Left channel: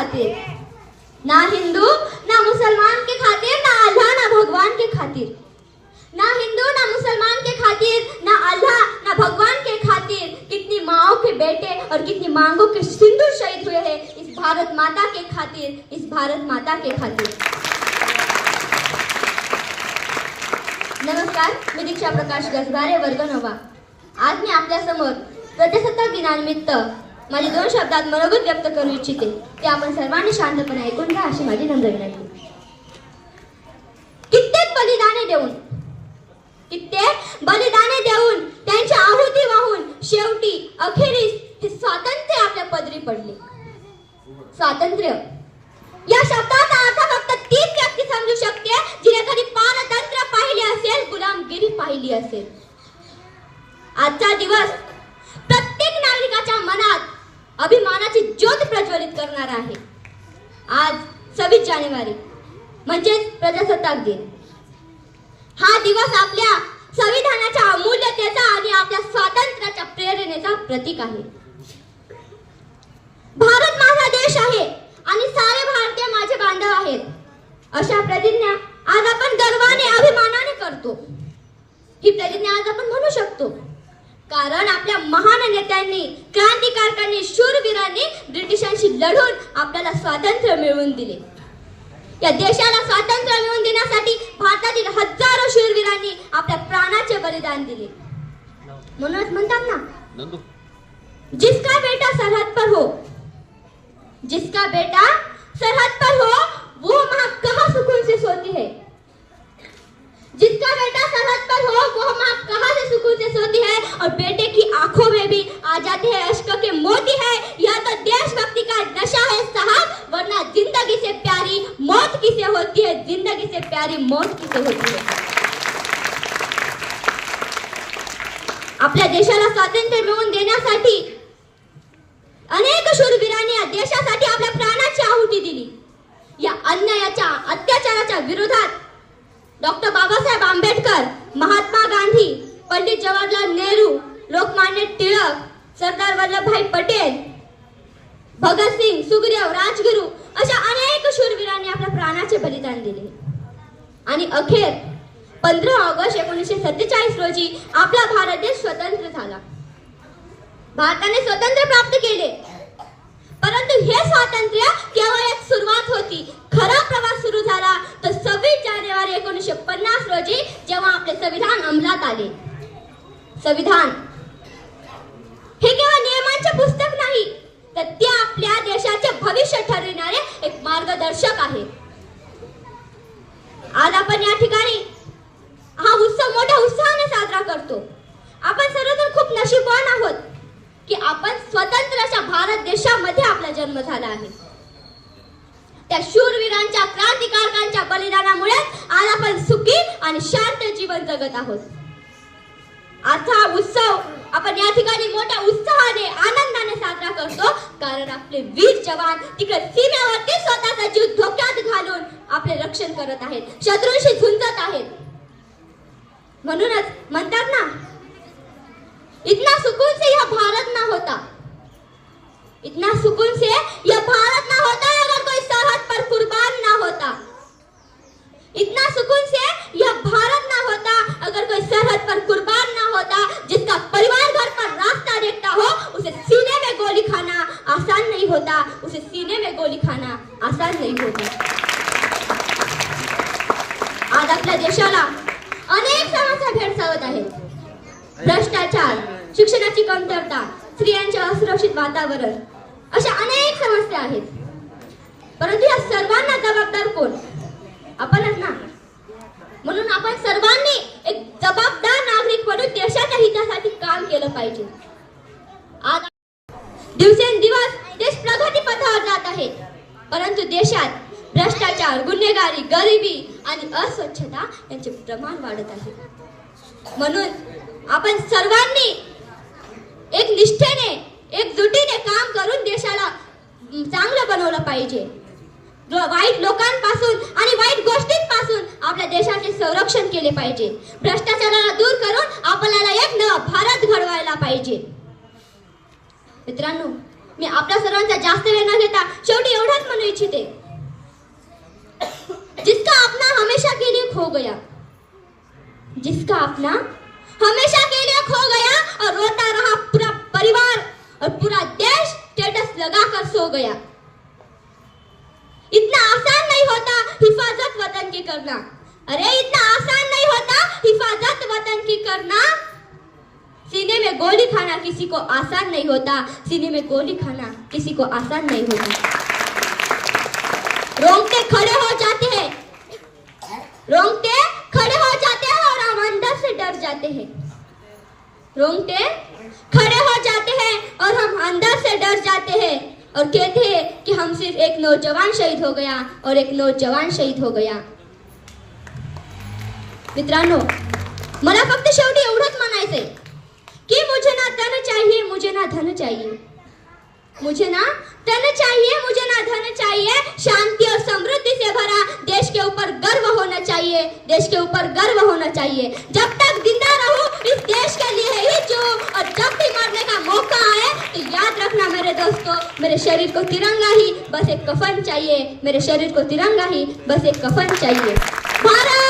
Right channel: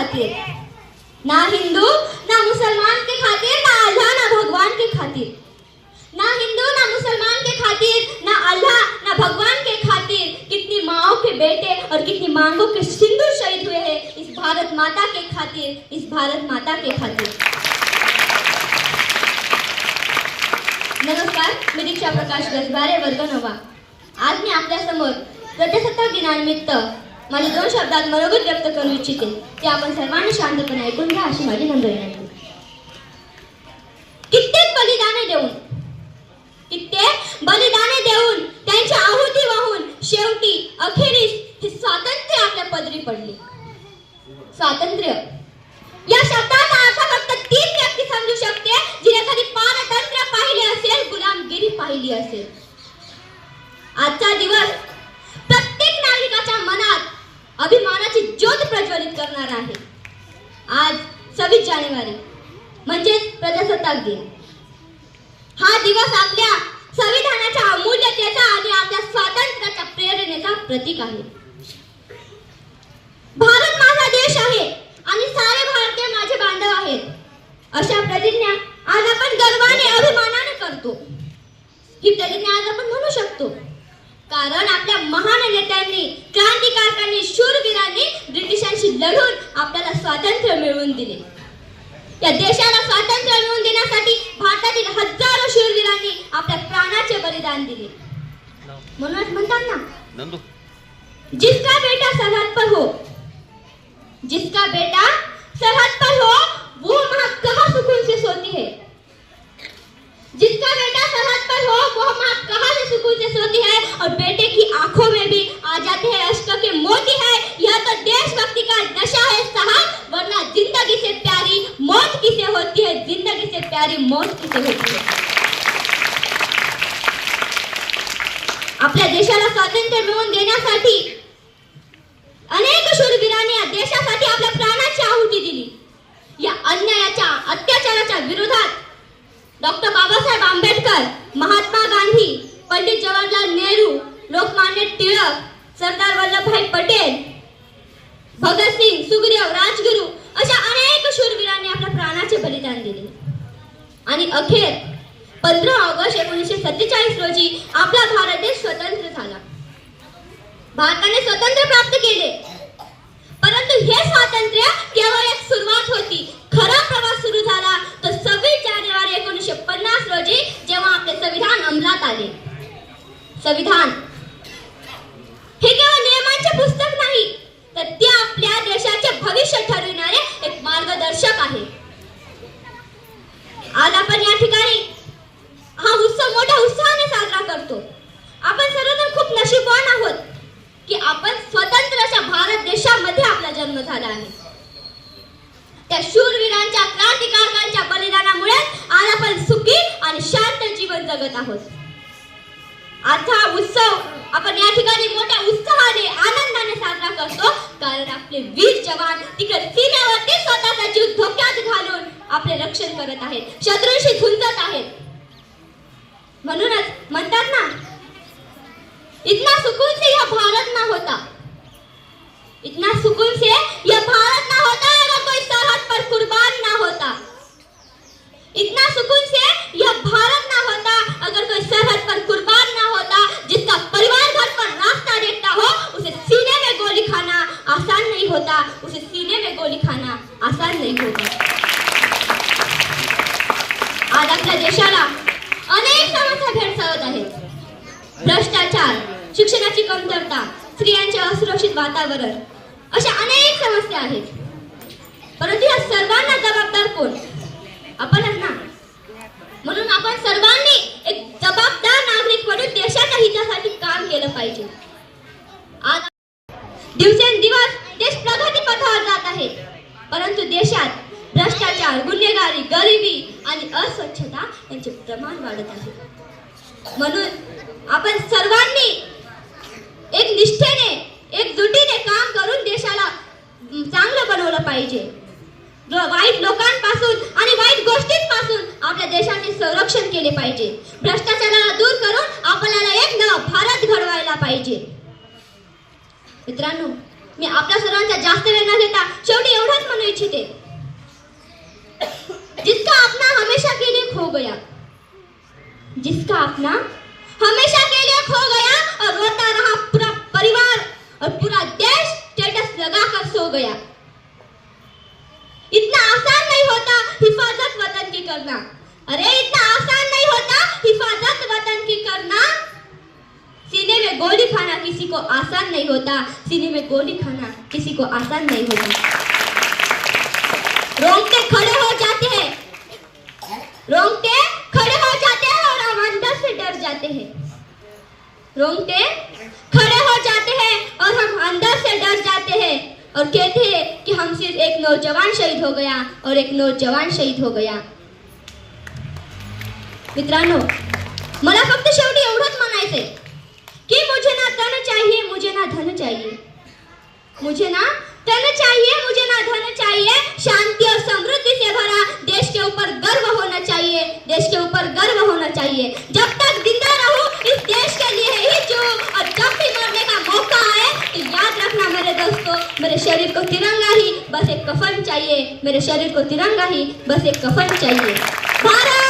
खातिर. ना हिंदू ना मुसलमान के खातिर ना अल्लाह ना भगवान के खातिर. ना हिंदू ना मुसलमान के खातिर ना अल्लाह ना भगवान के खातिर. कितनी माओ के बेटे और कितनी मांगों के सिंधु शहीद हुए हैं इस भारत माता के खातिर इस भारत माता के खातिर. नमस्कार मी दीक्षा प्रकाश गजबारे वर्ग नवा आज मी आपल्यासमोर प्रजासत्ताक दिनानिमित्त माझे दोन शब्दात मनोगत व्यक्त करू इच्छिते ते आपण सर्वांनी शांतपणे ऐकून घ्या अशी माझी नम्र विनंती. कित्येक बलिदाने देऊन कित्येक बलिदाने देऊन त्यांच्या आहुती वाहून शेवटी अखेरीस हे स्वातंत्र्य आपल्या पदरी पडले. स्वातंत्र्य. या शब्दाचा असा फक्त तीच व्यक्ती समजू शकते जिने कधी पारतंत्र्य पाहिले असेल गुलामगिरी पाहिली असेल. आजचा दिवस अभिमानाची ज्योत प्रज्वलित करणार आहे. आज सव्वीस जानेवारी म्हणजेच प्रजासत्ताक दिन. हा दिवस आपल्या संविधानाच्या अमूल्यतेचा आणि आपल्या स्वातंत्र्याच्या प्रेरणेचा प्रतीक आहे. भारत माझा देश आहे आणि सारे भारतीय माझे बांधव आहेत. अशा प्रतिज्ञा आज आपण गर्वाने अभिमानाने करतो. ही प्रतिज्ञा आज आपण म्हणू शकतो. कारण आपल्या महान नेत्यांनी क्रांतिकारकांनी शूरवीरांनी ब्रिटिशांशी लढून आपल्याला स्वातंत्र्य मिळवून दिले. या देशाला स्वातंत्र्य मिळवून देण्यासाठी भारतातील हजारो शूरवीरांनी आपल्या प्राणाचे बलिदान दिले. म्हणूनच म्हणतात ना जिसका बेटा सरहद पर हो जिसका बेटा सरहद पर हो वो माँ कहाँ सुकून से सोती है जिसका बेटा सरहद पर हो वो माँ कहाँ से सुकून से सोती है और बेटे की आंखों में भी आ जाते हैं अश्क के मोती है यह तो देशभक्ति का नशा है साहब वरना जिंदगी से प्यारी मौत किसे होती है? जिंदगी से प्यारी मौत किसे होती है? आपल्या देशाला स्वातंत्र्य मिळवून देण्यासाठी अनेक शूरवीरांनी या देशासाठी आपल्या प्राणाची आहुती दिली. या अन्यायाच्या अत्याचाराच्या विरोधात डॉक्टर बाबासाहेब आंबेडकर महात्मा गांधी पंडित जवाहरलाल नेहरू लोकमान्य टिळक सरदार वल्लभभाई पटेल भगतसिंग सुखदेव राजगुरू अशा अनेक शूरवीरांनी आपल्या प्राणाचे बलिदान दिले. आणि अखेर पंधरा ऑगस्ट एकोणीसशे सत्तेचाळीस रोजी आपला भारत देश स्वतंत्र झाला. भारताने स्वतंत्र प्राप्त केले. परंतु हे स्वातंत्र्य केवळ एक सुरुवात होती. खरा प्रवास सुरू झाला तर सव्वीस जानेवारी एकोणीसशे पन्नास रोजी जेव्हा आपले संविधान अंमलात आले. संविधान हे केवळ नियमांचे पुस्तक नाही तर ते आपल्या देशाचे भविष्य ठरविणारे एक मार्गदर्शक आहे. आज आपण या ठिकाणी हा उत्सव मोठ्या उत्साहाने साजरा करतो. आपण सर्वजण खूप नशीबवान आहोत की आपण स्वतंत्र अशा भारत देशामध्ये आपला जन्म झाला आहे. त्या शूरवीरांच्या क्रांतिकारकांच्या बलिदानामुळे आज आपण सुखी आणि शांत जीवन जगत आहोत. आजचा हा उत्सव आपण या ठिकाणी मोठ्या उत्साहाने आनंदाने साजरा करतो. कारण आपले वीर जवान तिकडे सीमेवरती स्वतःचा जीव धोक्यात घालून आपले रक्षण करत आहेत. शत्रूंशी झुंजत आहेत. म्हणूनच म्हणतात ना इतना सुकून से यह भारत ना होता इतना सुकून से यह भारत ना होता अगर कोई सरहद पर कुर्बान ना होता इतना सुकून से यह भारत ना होता अगर कोई सरहद पर कुर्बान ना होता जिसका परिवार घर पर रास्ता देखता हो उसे सीने में गोली खाना आसान नहीं होता उसे सीने में गोली खाना तयार होईल होता. आज आपल्या देशाला अनेक समस्या भेडसावत आहेत भ्रष्टाचार शिक्षणाची कमतरता स्त्रियांचे असुरक्षित वातावरण अशा अनेक समस्या आहेत. परंतु या सर्वांना जबाबदार कोण? आपणच ना म्हणून आपण सर्वांनी एक जबाबदार नागरिक म्हणून देशाच्या हितासाठी काम केलं पाहिजे आज दिवसेंदिवस देश प्रगती पथावर जात आहे परंतु देशात भ्रष्टाचार गुन्हेगारी गरिबी आणि अस्वच्छता यांचे प्रमाण वाढत आहे. म्हणून आपण सर्वांनी एक निष्ठेने एकजुटीने काम करून देशाला चांगलं बनवलं पाहिजे. वाईट लोकांपासून आणि वाईट गोष्टींपासून आपल्या देशाचे संरक्षण केले पाहिजे. भ्रष्टाचाराला दूर करून आपल्याला एक नवा भारत घडवायला पाहिजे. मित्रांनो मी आपल्या सर्वांचा जास्त वेळ न घेता शेवटी एवढंच म्हणू इच्छिते. जिसका अपना हमेशा के लिए खो गया जिसका अपना हमेशा के लिए खो गया और रोता रहा पूरा परिवार और पूरा देश स्टेटस लगाकर सो गया। इतना आसान नहीं होता हिफाजत वतन की करना। अरे इतना आसान नहीं होता हिफाजत वतन की करना। खाना किसी को आसान नहीं होता। सीने में गोली खाना किसी को आसान नहीं होता। रोंगटे खड़े हो जाते हैं। रोंगटे खड़े हो जाते हैं और हम अंदर से डर जाते हैं। रोंगटे खड़े हो जाते हैं और हम अंदर से डर जाते हैं और कहते हैं कि हम सिर्फ़ एक नौजवान शहीद हो गया और एक नौजवान शहीद हो गया। मित्रांनो मला फक्त शेवटी एवढंच म्हणायचंय. कि मुझे ना तन चाहिए, मुझे ना धन चाहिए। मुझे ना तन चाहिए, मुझे ना धन चाहिए। शांति और समृद्धि से भरा देश के ऊपर गर्व होना चाहिए, देश के ऊपर गर्व होना चाहिए। जब तक ज़िंदा रहूँ, इस देश के लिए ही जो और जब भी मरने का मौका आए तो याद रखना मेरे दोस्तों, मेरे शरीर को तिरंगा ही, बस एक कफन चाहिए। मेरे शरीर को तिरंगा ही, बस एक कफन चाहिए। भारत!